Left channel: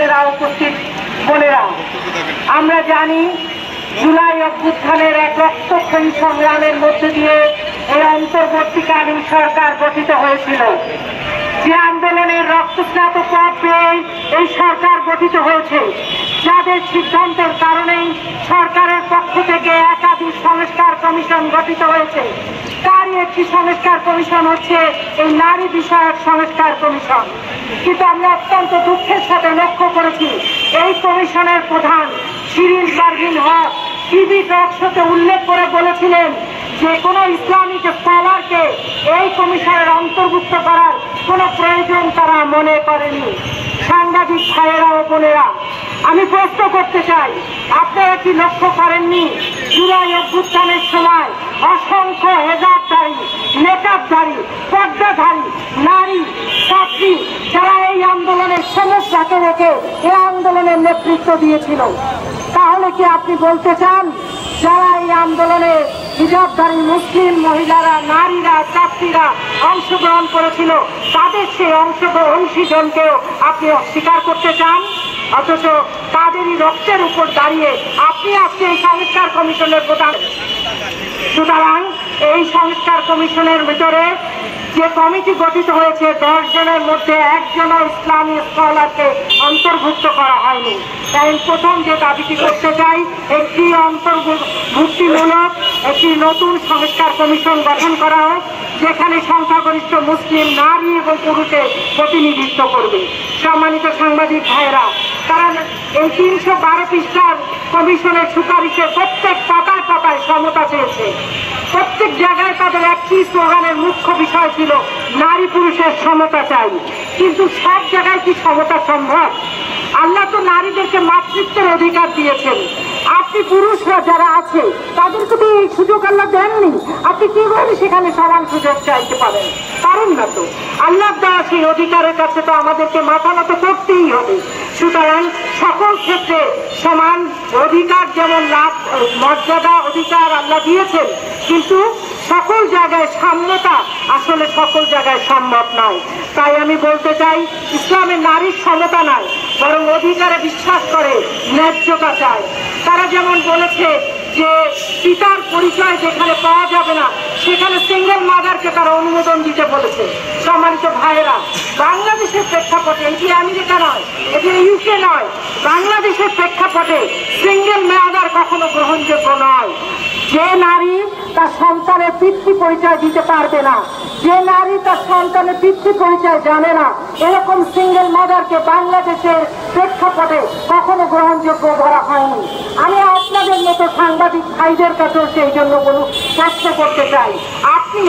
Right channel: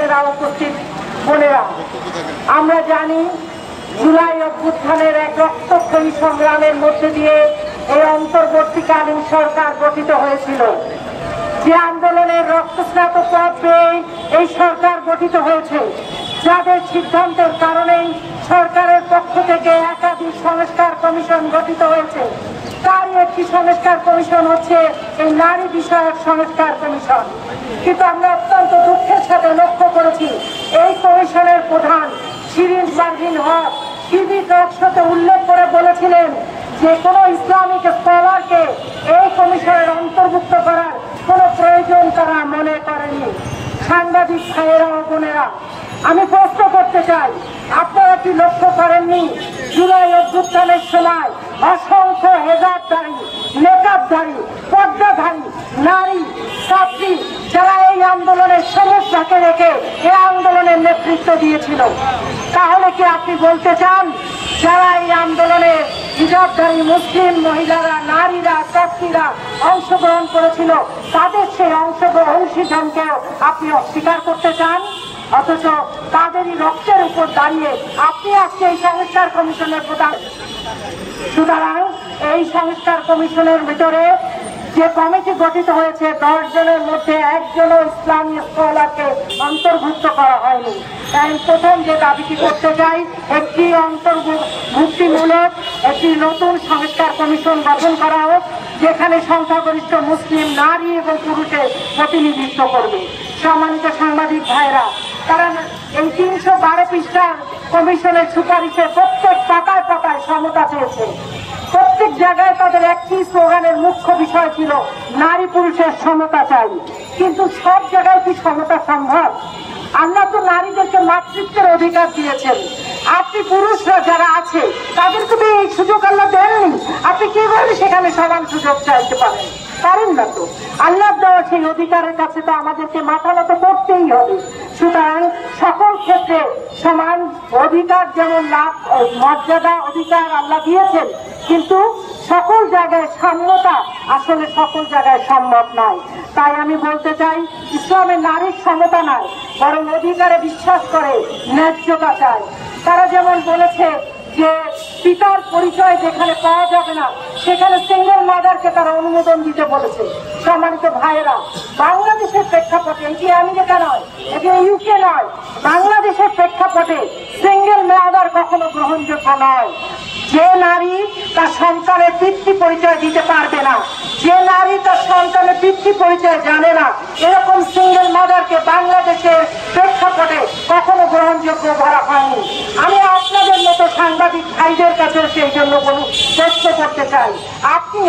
বোনেরা, উপস্থিত বোনেরা, আমরা জানি জুলাই অভ্যুত্থানের এক রক্তক্ষয়ী সংগ্রামের মধ্যে দিয়ে এই অন্তর্বর্তীকালীন সরকার গঠিত হয়েছিল। যে আন্দোলনের রক্তস্নাত পথ পেয়ে এই সরকার গঠিত হয়েছে, যাদের সিদ্ধান্তের কারণেই সরকারের পক্ষ থেকে একাধিক সংস্কার কমিশন গঠিত হয়েছে। তারই একটি সংস্কার কমিশন হচ্ছে এই নারী বিষয়ক সংস্কার কমিশন। কিন্তু আমরা অত্যন্ত দুঃখের সাথে লক্ষ্য করেছি, এই কমিশনের প্রধান শিরিন পারভীন হক টিভি টক শোতে উল্লেখ করে বলেছিলেন যে কোনো ইসলামিক স্কলারকে এই কমিশনের অন্তর্ভুক্ত করার কোনো প্রয়োজন তারা মনে করেনি। সাংবাদিক ভাইয়েরা ও বোনেরা, আমি প্রশ্ন করতে চাই, আপনারা কি লক্ষ্য করেননি জুলাই অভ্যুত্থানের সময় অসংখ্য হেজাবধারী, মেকআপধারী, পর্দাধারী নারী ছাত্রী যারা এই আন্দোলনের সমস্যাকে রেখে এই আন্দোলনের নেতৃত্ব দিয়েছিল? তাহলে কি আপনি বলতে চান যারা এই আন্দোলনে হিজাবধারী মুসলিম মহিলারা, নারীরা, ছাত্রীরা অংশগ্রহণ করেছিল তাদের সেই অংশীজনকেও আপনি অস্বীকার করতে চান? অথচ তাদেরই রক্তের উপর দাঁড়িয়ে আপনি আজকে এই সংস্কার কমিশনের প্রধান। সুতরাং এই সংস্কার কমিশনের ভিতরে যে কমিটি গঠিত হয়েছে 10 জনের মধ্যে একজনও ইসলামী স্কলারকে অন্তর্ভুক্ত করা হয়নি। তাই প্রথম যে দাবিটি করতে চাই, একটি অন্তর্ভুক্তিমূলক একটি নতুন সংস্কার কমিশন গঠন করা হোক, যেখানে সংখ্যাগরিষ্ঠ মুসলিম নারী এবং পুরুষের প্রতিনিধিত্ব করবে। সম্মানিত সাংবাদিক ভাইরা, তারা এই 312 পৃষ্ঠার কমিশনের সুপারিশে প্রত্যেক পাতায় পাতায় সমতা চেয়েছে। প্রত্যেক জায়গায় তাদের একটি স্লোগানের মুখ্য বিষয় ছিল নারী পুরুষের সমতা চাই। কিন্তু সব জায়গায় কি সমতা সম্ভব? আল্লাহ তো নারীদেরকে মাতৃত্বের অধিকার দিয়েছেন। আপনি পুরুষরা যারা আছে তাদেরকে তো এই সুযোগ আল্লাহ দেননি। আপনি কিভাবে সেখানে সমান সুযোগ চাইতে পারেন? পারেন না তো। আল্লাহ দেওয়া সেই অধিকারের কাছে তো আমাদেরকে মাথা নত করতেই হবে। সুতরাং সকল ক্ষেত্রে সমান অধিকার, যেমন লাভ, মর্যাদা, অধিকার আল্লাহ দিয়েছেন, কিন্তু সকল জায়গায় সাম্যতা আসলে সকল জায়গায় সম্ভব নয়। তাই আমি বলতে চাই, ইসলামে নারীর সমতা নয়, বরং অধিকারে বিশ্বাস করে, ন্যায্যতা চায়। তারা যেমন বলেছে যে পিতার পরিচয় যেখানে পাওয়া যাবে না সেখানে সিঙ্গেল মাদারকে তারা অনুমোদন দিতে বলেছে। সম্মানিত ভাইয়েরা, বাংলাদেশের প্রেক্ষাপটে, এটি আমেরিকা নয়, এটি ইউকে নয়, বাংলাদেশের প্রেক্ষাপটে সিঙ্গেল মাদার কখনো গ্রহণযোগ্য নয়। যে নারী তার সন্তানের পিতৃ পরিচয় দিতে পারবে না, যে নারী তার সন্তানের পিতৃ পরিচয় জানে না, এরকম সিঙ্গেল মাদারকে বাংলাদেশের প্রেক্ষাপটে কখনো গ্রহণযোগ্য ধরা হয়নি। আমি আপনাদের মতো সাংবাদিক ভাইদের কাছে সেই জন্য প্রশ্ন করতে চাই, আপনি,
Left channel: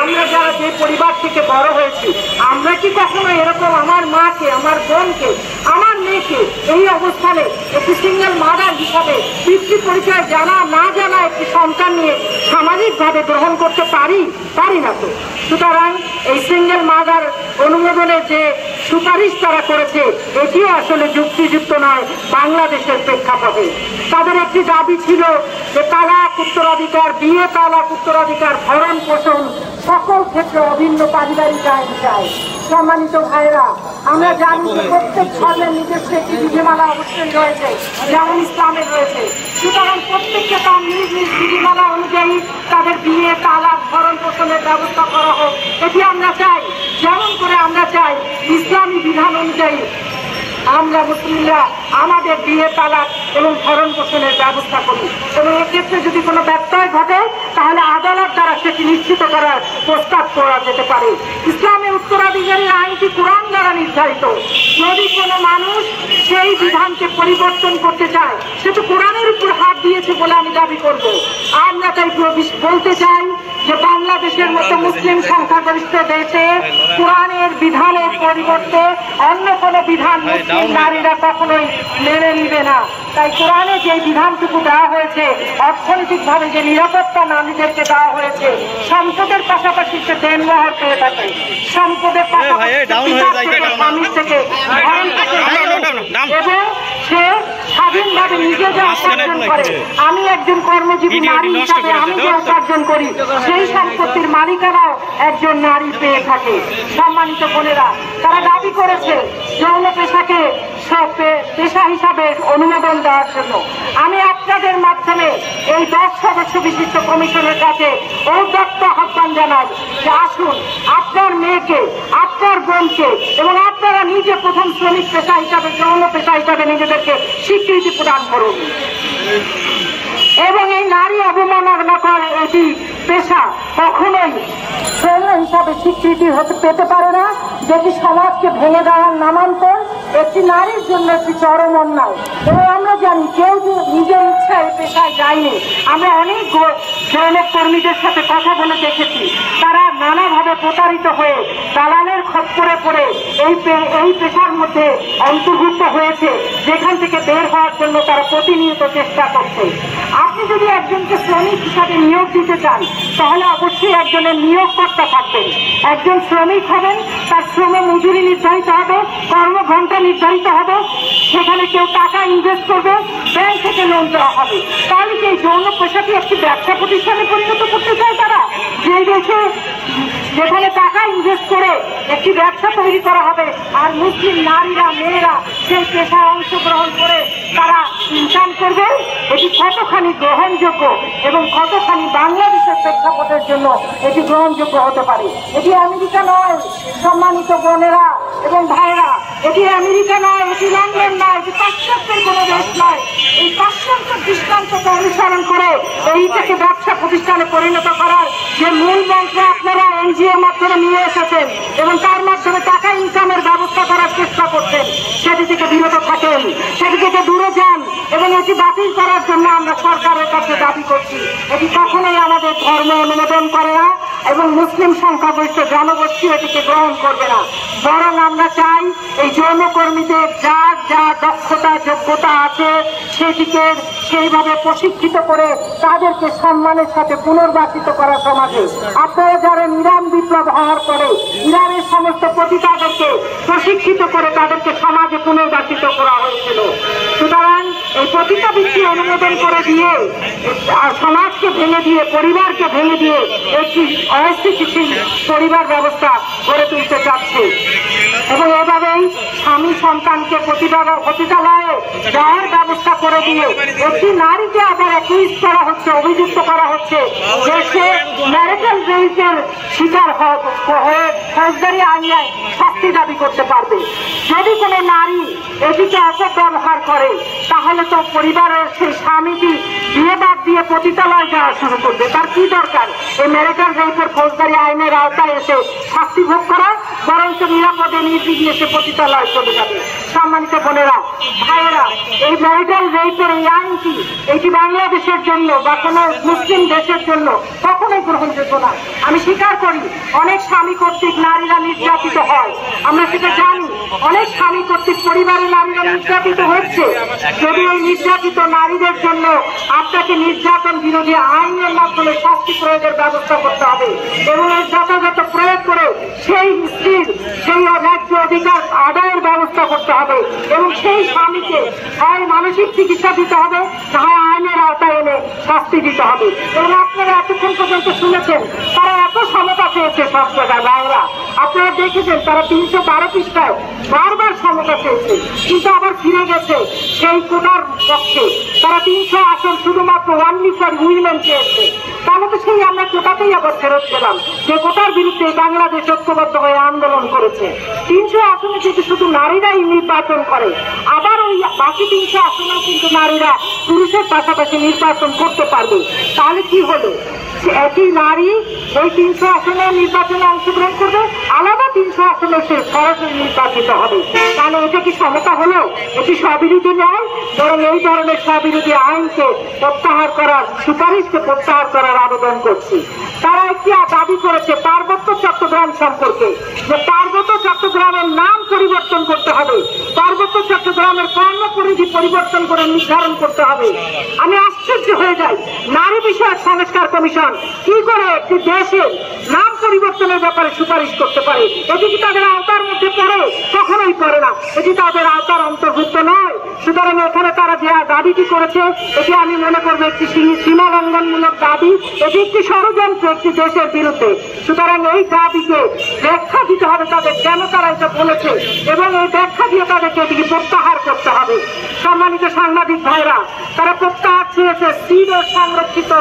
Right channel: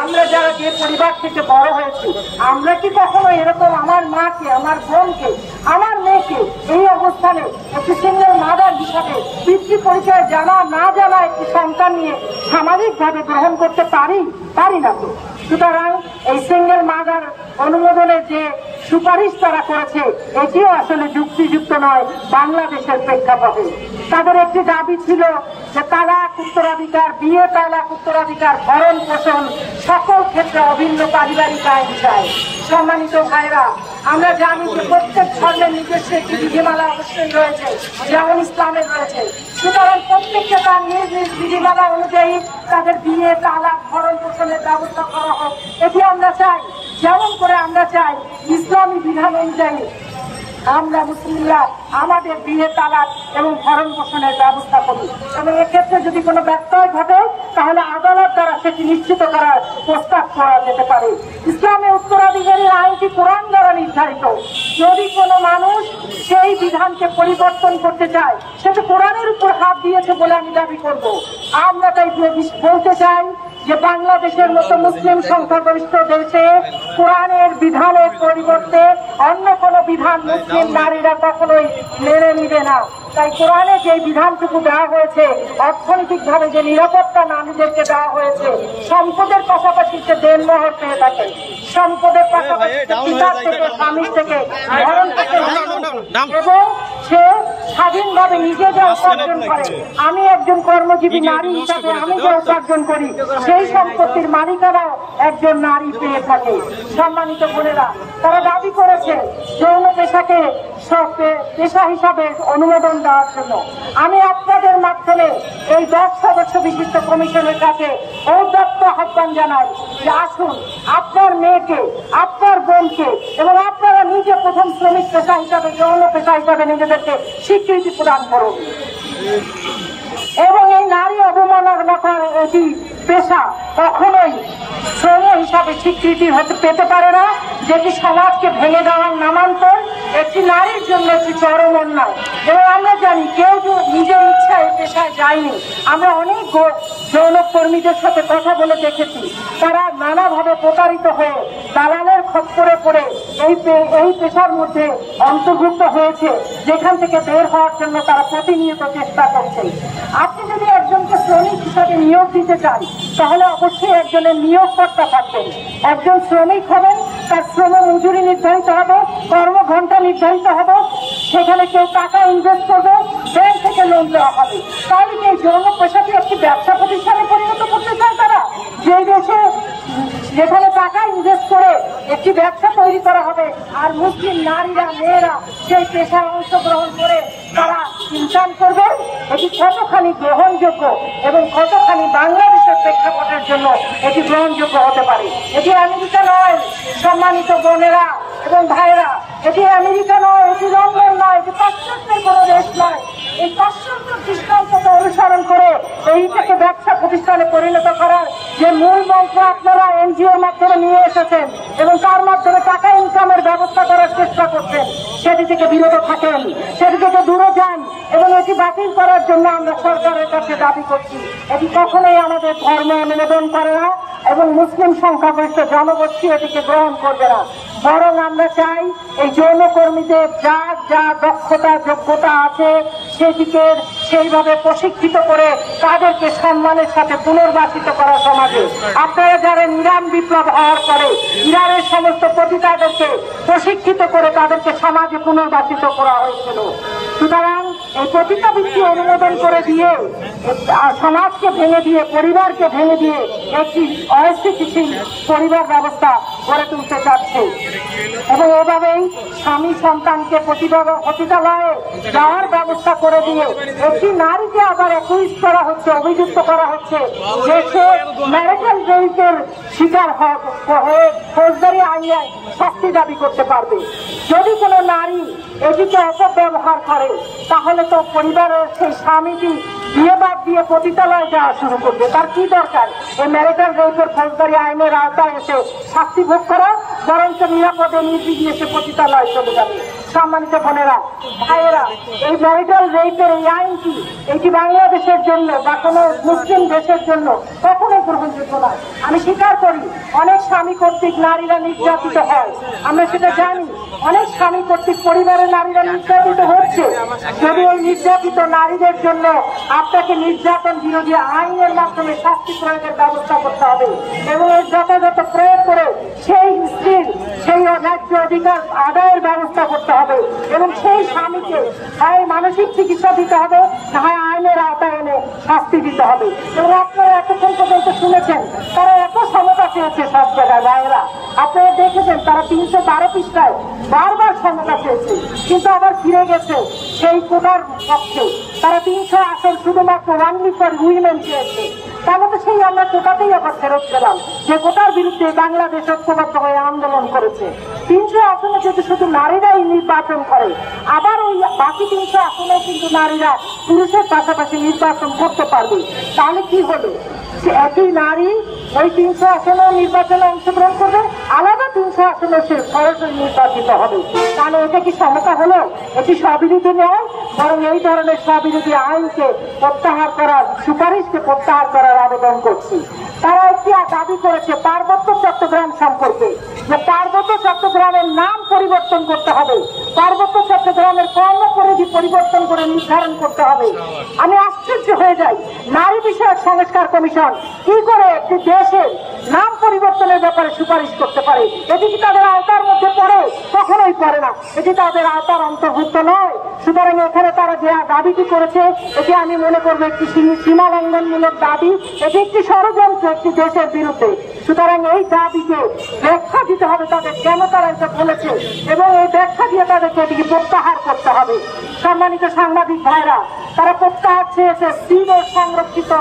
আমরা যারা যে পরিবার থেকে বড় হয়েছি, আমরা কি কখনো এরকম আমার মাকে, আমার বোনকে, আমার মেয়েকে এই অবস্থানে একটি সিঙ্গেল মাদার হিসাবে পিতৃ পরিচয় জানা না জানা একটি সন্তান নিয়ে সামাজিকভাবে গ্রহণ করতে পারি না তো। সুতরাং এই সিঙ্গেল মাদার অনুমোদনের যে সুপারিশ তারা করেছে এটিও আসলে যুক্তিযুক্ত নয় বাংলাদেশের প্রেক্ষাপটে। তাদের একটি দাবি ছিল যে তালাক উত্তরাধিকার, বিয়ে তালাক উত্তরাধিকার, ভরণ পোষণ সকল ক্ষেত্রে অভিন্ন পারিবারিক আইন চায়। সম্মানিত ভাইরা, আমরা জানি যে প্রত্যেক ধর্মের নিজস্ব একটি বিধিমালা অবশ্যই রয়েছে, যেমন ইসলামের রয়েছে। সুতরাং প্রত্যেককে তার নিজ নিজ বিধিমালা অনুযায়ী তাদের বিয়ে তালাক ভরণ পোষণের ব্যবস্থা করা হোক, এটি আমরা চাই। যেমন করে আমরা চাই ইসলামী বিধান অনুযায়ী আমরা মুসলিমরা আমাদের বিয়ে তালাক এবং ভরণ পোষণের ব্যবস্থা করি, এবং এক্ষেত্রে যদি কোনো ব্যত্যয় ঘটে তাহলে আদালত দ্বারা সেটি নিশ্চিত করার প্রস্তাব করা যেতে পারে। ইসলামে উত্তরাধিকারী আইনটি কোরআন দ্বারা নির্ধারিত। যদি কোনো মানুষ সেই বিধানকে পরিবর্তন করতে চায়, সে তো কোরআনের উপর হাত দিয়েছে বলে আমি দাবি করব। আমরা তাই বলতে চাই যে বাংলাদেশের মতো মুসলিম সংখ্যাগরিষ্ঠ দেশে কোরআনের বিধানের পরিবর্তে অন্য কোনো বিধান মুসলিম নারীরা কখনোই মেনে নিবে না। তাই কোরআনে যে বিধানটুকু দেওয়া হয়েছে, অর্থনৈতিকভাবে যে নিরাপত্তা নারীদেরকে দেওয়া হয়েছে, সম্পদের পাশাপাশি সে দেনমোহর পেয়ে থাকে, সম্পদের পাশাপাশি স্বামীর থেকে এবং সে স্বাধীনভাবে নিজে যে উপার্জন করে, আমি একজন কর্মজীবী নারী হিসাবে আমি যে উপার্জন করি সেই সম্পত্তির মালিকানাও একজন নারী পেয়ে থাকে। সম্মানিত বোনেরা, তারা দাবি করেছে যৌন পেশাকে পেশা হিসাবে অনুমোদন দেওয়ার জন্য আমি আপনাদের মাধ্যমে এই 10 সদস্য বিশিষ্ট কমিশনের কাছে ঔদাত্ত আহ্বান জানাই যে আসুন আপনার মেয়েকে, আপনার বোনকে এবং আপনারা নিজে প্রথম শ্রমিক পেশা হিসাবে, যৌন পেশা হিসাবে নিজেদেরকে স্বীকৃতি প্রদান করুন। এবং এই নারী অবমাননা করে এটি পেশা কখনোই শ্রম হিসাবে স্বীকৃতি পেতে পারে না, যেটি সমাজকে ভেঙে দেওয়ার নামান্তর, একটি নারীর জন্য একটি চরম অন্যায়। এবং আমরা জানি কেউ নিজের ইচ্ছা এই পেশায় যায়নি। আমরা অনেক যৌন কর্মীদের সাথে কথা বলে দেখেছি, তারা নানাভাবে প্রতারিত হয়ে দালালের খপ্পরে পড়ে এই পেশার মধ্যে অন্তর্ভুক্ত হয়েছে, যেখান থেকে বের হওয়ার জন্য তারা প্রতিনিয়ত চেষ্টা করছে। আপনি যদি একজনকে শ্রমিক হিসাবে নিয়োগ দিতে চান তাহলে অবশ্যই একজনের নিয়োগকর্তা থাকবেন, একজন শ্রমিক হবেন, তার শ্রম মজুরি নির্ধারিত হবে, কর্মঘণ্টা নির্ধারিত হবে, সেখানে কেউ টাকা ইনভেস্ট করবে, ব্যাংক থেকে লোন দেওয়া হবে। তাহলে কি এই যৌন পেশাটি একটি ব্যবসা প্রতিষ্ঠানে পরিণত করতে চায় তারা? যেই দেশে যেখানে টাকা ইনভেস্ট করে একটি ব্যবসা তৈরি করা হবে আর মুসলিম নারীরা, মেয়েরা সেই পেশায় অংশগ্রহণ করে তারা ইনকাম করবে, এটি কতখানি গ্রহণযোগ্য এবং কতখানি বাংলাদেশের প্রেক্ষাপটের জন্য এটি গ্রহণযোগ্য হতে পারে? এটি আমেরিকা নয় সম্মানিত বোনেরা এবং ভাইয়েরা, এটি আমেরিকা নয়, এটি লন্ডন নয়, এটি পাশ্চাত্যের কোনো দেশ নয়। এই পাশ্চাত্যের দৃষ্টান্তকে অনুসরণ করে এইটাকে ব্যবসা প্রতিষ্ঠানে পরিণত করার যে মূল মন্ত্র আপনারা এনজিওর মাধ্যমে নিয়ে এসেছেন এবং তার মাধ্যমে টাকা ইনকামের ব্যবস্থা করার চেষ্টা করছেন, সেটি থেকে বিরত থাকেন, সেটি থেকে দূরে যান এবং এটি বাতিল করার জন্য আমরা সরকারের কাছে দাবি করছি। এটি কখনোই আমাদের ধর্ম অনুমোদন করে না এবং মুসলিম সংখ্যাগরিষ্ঠ জনগোষ্ঠী এটিকে গ্রহণ করবে না। বরং আমরা চাই এই যৌনকর্মীদের যার যা দক্ষতা যোগ্যতা আছে সেটিকে সেইভাবে প্রশিক্ষিত করে তাদেরকে সম্মানের সাথে পুনর্বাসিত করা সমাজে। আপনারা জানেন ইরান বিপ্লব হওয়ার পরে ইরানের সমস্ত পতিতাদেরকে প্রশিক্ষিত করে তাদেরকে সমাজে পুনর্বাসিত করা হয়েছিল। সুতরাং এই পতিতাবৃত্তি অনুমোদন করে দিয়ে সমাজকে ভেঙে দিয়ে, পরিবারকে ভেঙে দিয়ে একটি অস্থিতিশীল পরিবার ব্যবস্থা গড়ে তুলতে চাচ্ছে এবং এভাবেই স্বামী সন্তানকে পতিতালয়ে যাওয়ার ব্যবস্থা করে দিয়ে একটি নারীকে আবার অ্যাকিউজ করা হচ্ছে, অভিযুক্ত করা হচ্ছে যে সে ম্যারিটাল রেপের শিকার হয়ে ফৌজদারি আইনে শাস্তি দাবি করতে পারবে। যদি কোনো নারী এটিকে অপব্যবহার করে তাহলে তো পরিবারের সেই স্বামীটি বিয়ে বাদ দিয়ে পতিতালয়ে যাওয়া শুরু করবে। তার কি দরকার এই ম্যারিটাল রেপের ফৌজদারি আইনের আওতায় এসে শাস্তি ভোগ করা? বরঞ্চ নিরাপদে নির্বিঘ্নে সে পতিতালয়ে চলে যাবে। সম্মানিত বোনেরা, ভাইয়েরা, এই ম্যারিটাল রেপের এই আইনটি এটি বাংলাদেশের জন্য বা কোনো মুসলিম দেশের জন্য কখনোই গ্রহণযোগ্য নয়। আমি স্বীকার করি অনেক স্বামী কর্তৃক নারীরা নির্যাতিত হয়, আমরা সেটা জানি। অনেক স্বামী কর্তৃক পরিবারের নারীরা নির্যাতিত হচ্ছে। যদি এই নির্যাতিত নারীদের জন্য আপনাকে নির্যাতন বিরোধী আইনের মাধ্যমে শাস্তি প্রয়োগের ব্যবস্থা করতে হবে এবং এর যথাযথ প্রয়োগ করে সেই স্ত্রীর সেই ন্যায্য অধিকার আদায়ের ব্যবস্থা করতে হবে এবং সেই স্বামীকে হয় মানসিক চিকিৎসা দিতে হবে, না হয় আইনের আওতায় এনে শাস্তি দিতে হবে। এবং আপনারা এতক্ষণ পর্যন্ত শুনেছেন তারা এত সমতা চেয়েছে সব জায়গায়। ভাইরা, আপনারা দেখেছেন তারা 312 পৃষ্ঠায় বারবার সমতা চেয়েছে, কিন্তু আবার ফিরে গেছে সেই কোটার পক্ষে। তারা 300 আসন শুধুমাত্র ওনলি ফর উইমেন চেয়েছে। তাহলে তো সেই আমরা কোটাতেই আবার ফেরত গেলাম, যে কোটার বিরুদ্ধে বাংলাদেশ ঐক্যবদ্ধ হয়ে আন্দোলন করেছে। 300 আসনে যদি শুধু নারীরাই নির্বাচন করে, আবার ওই বাকি 300 আসনেও কিন্তু নারীরা পুরুষের পাশাপাশি নির্বাচন করতে পারবে। তাহলে কি হলো? একই নারী ওই 300 আসনে নির্বাচনে অংশগ্রহণ করবে, আলাদা 300 আসনে সে সরাসরি নির্বাচিত হবে। তাহলে এটা কি সমতা হলো? এটি স্ববিরোধী নয়, বরং এই ধরনের স্ববিরোধী আইনকে প্রত্যাহার করার, সুপারিশকে প্রত্যাহার করার আবেদন করছি। তারা একটি দাবি করেছে পার্বত্য চট্টগ্রাম সম্পর্কে, যে পার্বত্য চট্টগ্রামের নাম পরিবর্তন করতে হবে, পার্বত্য চট্টগ্রামের কর্মপরিধি পরিবর্তন করে নির্ধারণ করতে হবে। আমি আশ্চর্য হয়ে যাই, নারী বিষয়ক সংস্কার কমিশন কি করে একটি দেশের নাম পরিবর্তনের ব্যাপারে সুপারিশ করতে পারে। এটি কি তাদের আওতার মধ্যে পড়ে? কখনোই পড়ে না, এটি তাদের আওতার অন্তর্ভুক্ত নয়। সুতরাং এখানে তারা যে দাবিটি করেছে এটি আমি মনে করবো একটি সীমা লঙ্ঘনমূলক দাবি, এটি একটি ষড়যন্ত্র একটি দেশের বিরুদ্ধে। সুতরাং এই দাবিকে ব্যাখ্যা দিতে হবে তাদের, কেন তারা এটা বলেছে, এবং এই ব্যাখ্যা দিয়ে তাদেরকে এটিকে প্রত্যাহার করতে হবে। সম্মানিত সাংবাদিক ভাইরা, তারা প্রত্যাহার চেয়েছে সিডর সংরক্ষিত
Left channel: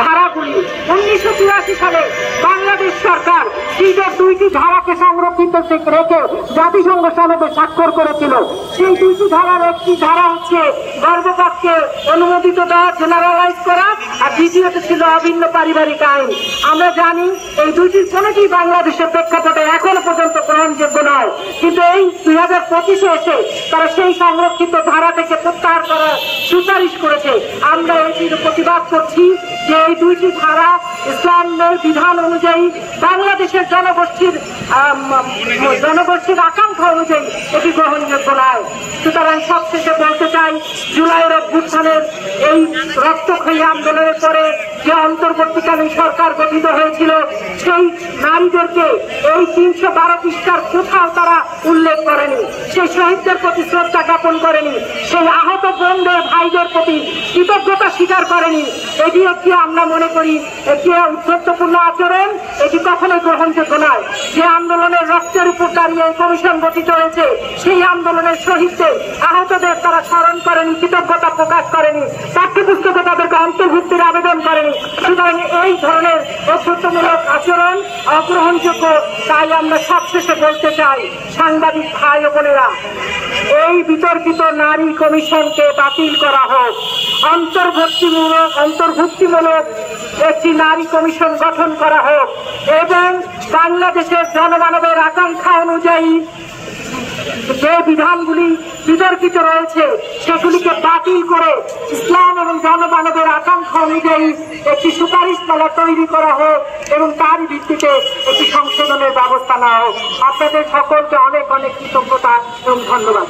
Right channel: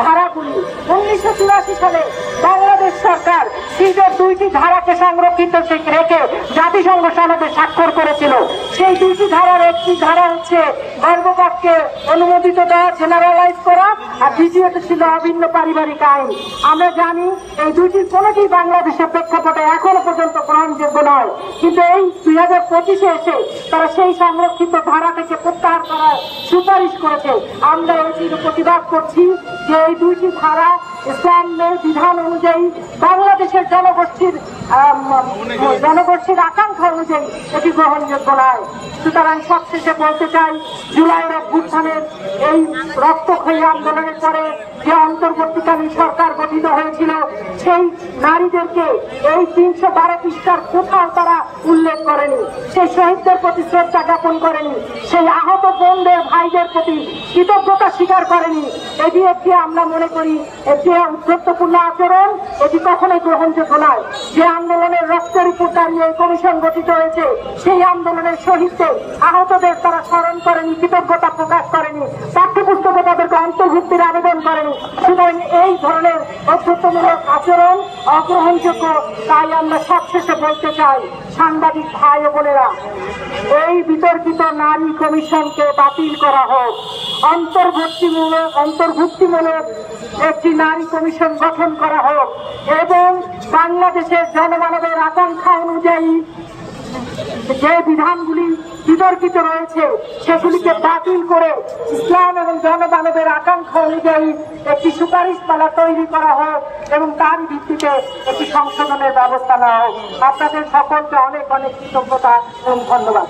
ধারাগুলি। 1984 সালে বাংলাদেশ সরকার সিডর 2টি ধারাকে সংরক্ষিত রেখে জাতিসংঘ সনদে স্বাক্ষর করেছিল। সেই 2টি ধারার একটি ধারা হচ্ছে গর্ভপাতকে অনুমোদিত দেওয়া, জেনারেলাইজ করা, আর দ্বিতীয়টি ছিল অভিন্ন পারিবারিক আইন। আমরা জানি এই 2টির কোনোটি বাংলাদেশের প্রেক্ষাপটে এখনো পর্যন্ত গ্রহণযোগ্য নয়, কিন্তু এই 2025-এ এসে তারা সেই সংরক্ষিত ধারা থেকে প্রত্যাহার করার সুপারিশ করেছে। আমরা এটির প্রতিবাদ করছি যে এই 2টি ধারা ইসলামের বিধান অনুযায়ী বাংলাদেশের জনগোষ্ঠীর আকাঙ্ক্ষা অনুযায়ী এটি গ্রহণযোগ্য নয়। সুতরাং সবশেষে বলতে চাই, জুলাইয়ের অভ্যুত্থানের এই রক্তক্ষয়ী আন্দোলনের পরে যে অন্তর্বর্তীকালীন সরকার গঠিত হয়েছিল সেই নারীদেরকে এই 312 পৃষ্ঠার কোথাও তারা উল্লেখ করেনি, সেই শহীদদের প্রতি শ্রদ্ধা জ্ঞাপন করেনি, সেই আহত বোনদের ভাইদের প্রতি কৃতজ্ঞতা স্বীকার করেনি। এটি একটি আমরা মনে করি একটি উদ্ধত্তপূর্ণ আচরণ, এটি কখনোই গ্রহণযোগ্য নয়। যে আন্দোলনের রক্তের উপর দাঁড়িয়ে এই কমিশন গঠিত হয়েছে সেই আন্দোলনের শহীদদের আহতদের তারা স্মরণ করেনি, কৃতজ্ঞতা প্রকাশ করেনি, পাঠ্যপুস্তকে তাদেরকে অন্তর্ভুক্তির আবেদন করেনি। সুতরাং এই ধরনের অভ্যুত্থানমূলক আচরণ অগ্রহণযোগ্য। তাই আমরা সবশেষে বলতে চাই, সাংবাদিক ভাই ও বোনেরা, এই বিতর্কিত নারী কমিশনকে বাতিল করা হোক, অন্তর্ভুক্তিমূলক একটি নারী কমিশন গঠন করা হোক, এবং বাংলাদেশের জনমানবের আকাঙ্ক্ষা অনুযায়ী যে বিধানগুলি বিতর্কিত রয়েছে সেগুলিকে বাতিল করে ইসলাম এবং জনমানবের আকাঙ্ক্ষা অনুযায়ী একটি সুপারিশমালা তৈরি করা হোক এবং তার ভিত্তিতে একটি সংশোধনের ব্যবস্থা নেওয়া হোক। আপনাদের সকলকে অনেক অনেক কৃতজ্ঞতা এবং ধন্যবাদ।